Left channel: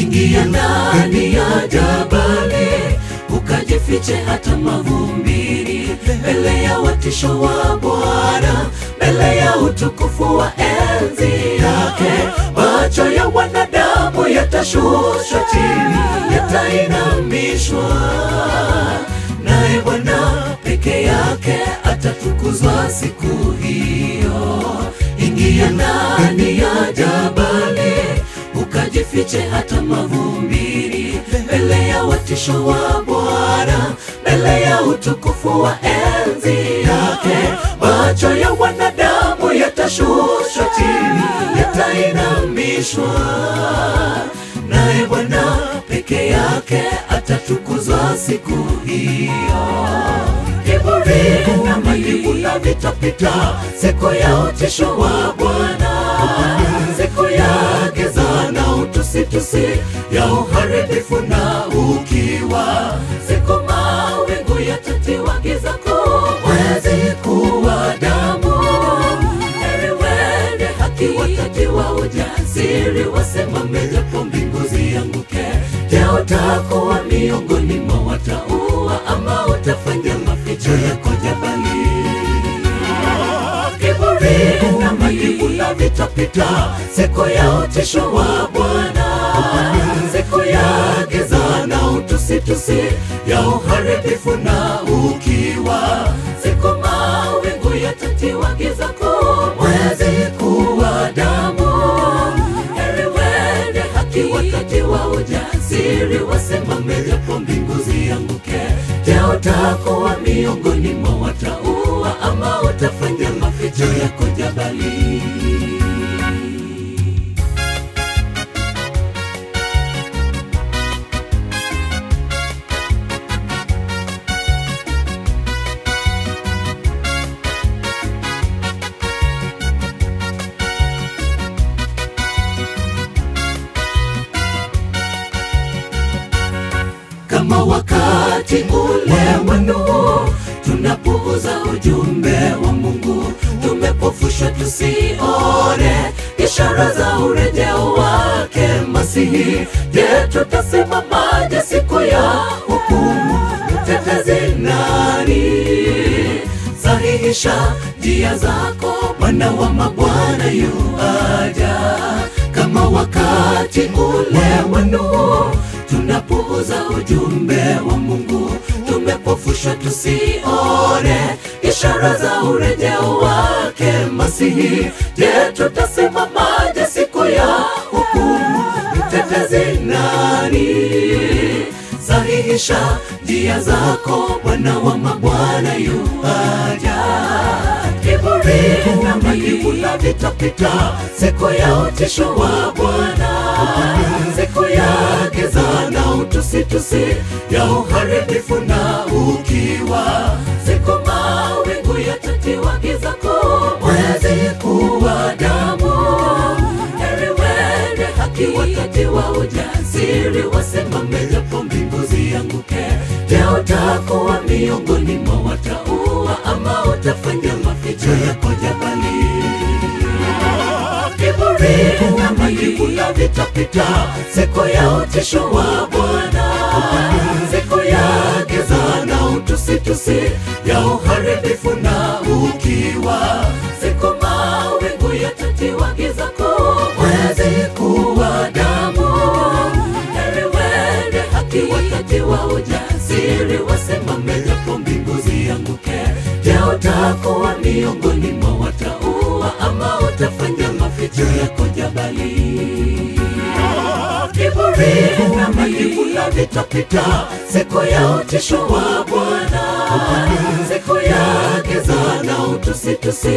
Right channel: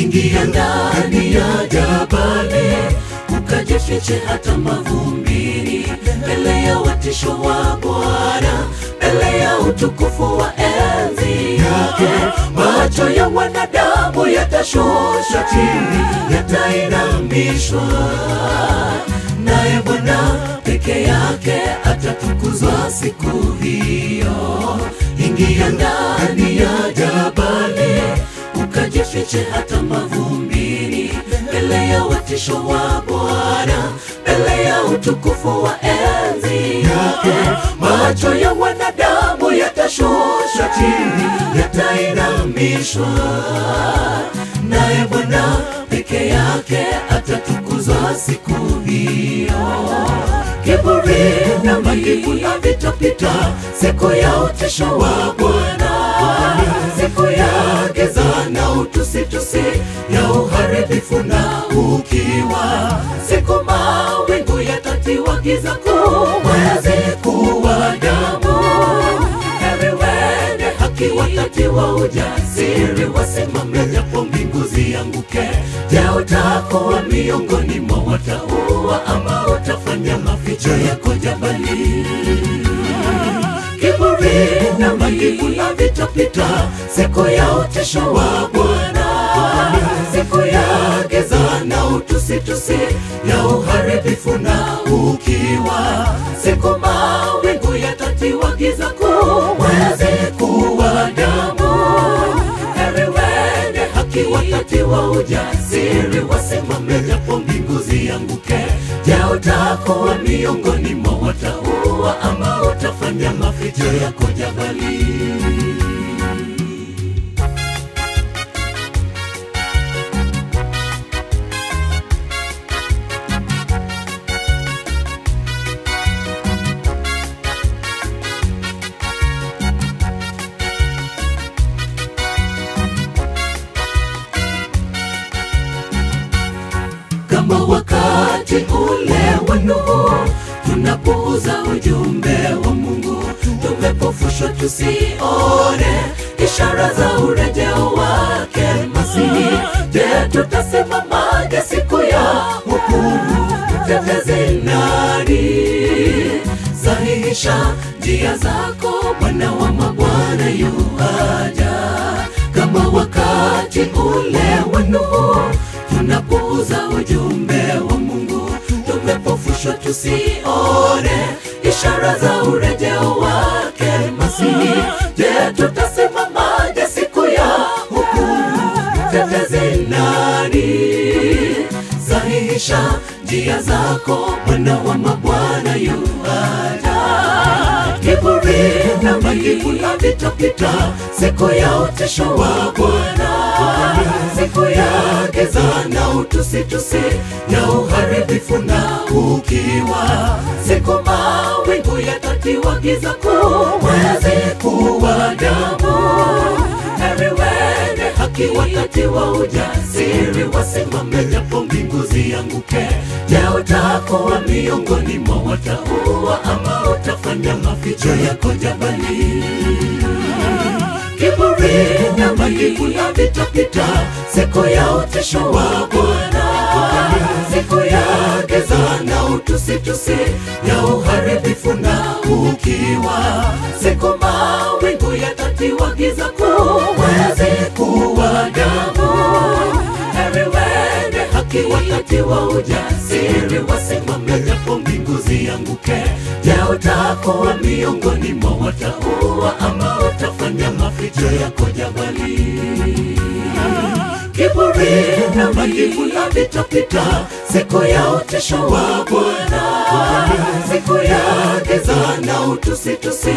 Ingia ndani ya jabali, ukajifiche hata mavumbini, mbele ya watisho wa Bwana, mbele ya utukufu wa enzi yake. Macho ya wanadamu yatashushwa chini, yatainamishwa, naye Bwana peke yake atatukuzwa siku hiyo. Ingia ndani ya jabali, ukajifiche hata mavumbini, mbele ya watisho wa Bwana, mbele ya utukufu wa enzi yake. Macho ya wanadamu yatashushwa chini, yatainamishwa, naye Bwana peke yake atatukuzwa siku hiyo. Kiburi na majivuno vitapita, siku ya utisho wa Bwana, siku ya giza na utusitusi, ya uharibifu na ukiwa, siku mawingu yatatiwa giza kuu, mwezi kuwa damu. Heri wenye haki watatiwa ujasiri, wasimame japo mbingu zianguke. Je, utakuwa miongoni mwa wataua, ama utafanya maficho yako jabali? Kiburi na majivuno vitapita, siku ya utisho wa Bwana, siku ya giza na utusitusi, ya uharibifu na ukiwa, siku mawingu yatatiwa giza kuu, mwezi kuwa damu. Heri wenye haki watatiwa ujasiri, wasimame japo mbingu zianguke. Je, utakuwa miongoni mwa wataua, ama utafanya maficho yako jabali? Kama wakati ule wa Nuhu, tunapuuza ujumbe wa Mungu, tumepofushwa tusione ishara za urejeo wake Masihi. Je, tutasimamaje siku ya hukumu? Mtetezi nani? Sahihisha njia zako, Bwana wa mabwana yuaja. Kama wakati ule wa Nuhu, tunapuuza ujumbe wa Mungu, tumepofushwa tusione ishara za urejeo wake Masihi. Je, tutasimamaje siku ya hukumu? Mtetezi nani? Sahihisha njia zako, Bwana wa mabwana yuaja. Kiburi na majivuno vitapita, siku ya utisho wa Bwana, siku ya giza na utusitusi, ya uharibifu na ukiwa, siku mawingu yatatiwa giza kuu, mwezi kuwa damu. Heri wenye haki watatiwa ujasiri, wasimame japo mbingu zianguke. Je, utakuwa miongoni mwa wataua, ama utafanya maficho yako jabali? Kiburi na majivuno vitapita, siku ya utisho wa Bwana, siku ya giza na utusitusi, ya uharibifu na ukiwa, siku mawingu yatatiwa giza kuu, mwezi kuwa damu. Heri wenye haki watatiwa ujasiri, wasimame japo mbingu zianguke. Je, utakuwa miongoni mwa wataua, ama utafanya maficho yako jabali? Kiburi na majivuno vitapita, siku ya utisho wa Bwana, siku ya giza na utusitusi,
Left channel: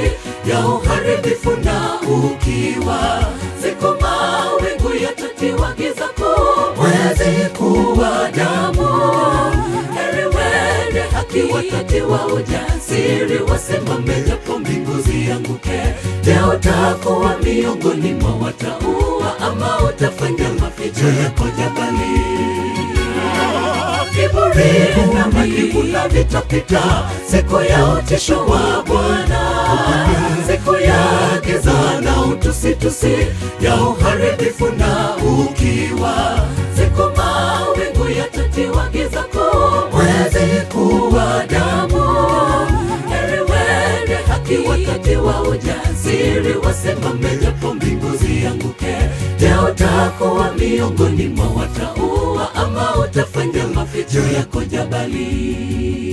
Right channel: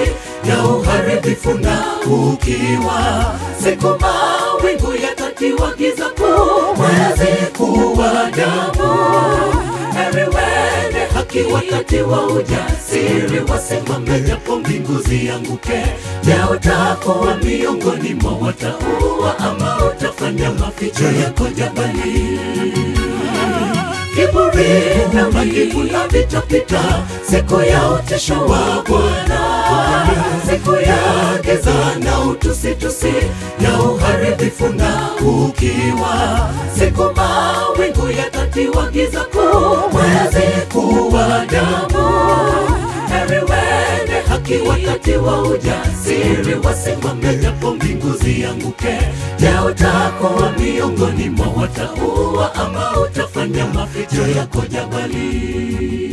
ya uharibifu na ukiwa, siku mawingu yatatiwa giza kuu, mwezi kuwa damu. Heri wenye haki watatiwa ujasiri, wasimame japo mbingu zianguke. Je, utakuwa miongoni mwa wataua, ama utafanya maficho yako jabali? Kiburi na majivuno vitapita, siku ya utisho wa Bwana, siku ya giza na utusitusi, ya ya uharibifu na ukiwa. Siku mawingu yatatiwa giza kuu, mwezi kuwa damu. Heri wenye haki wakati wa ujasiri, wasimame japo mbingu zianguke. Je, utakuwa miongoni mwa wataua, ama utafanya maficho yako jabali?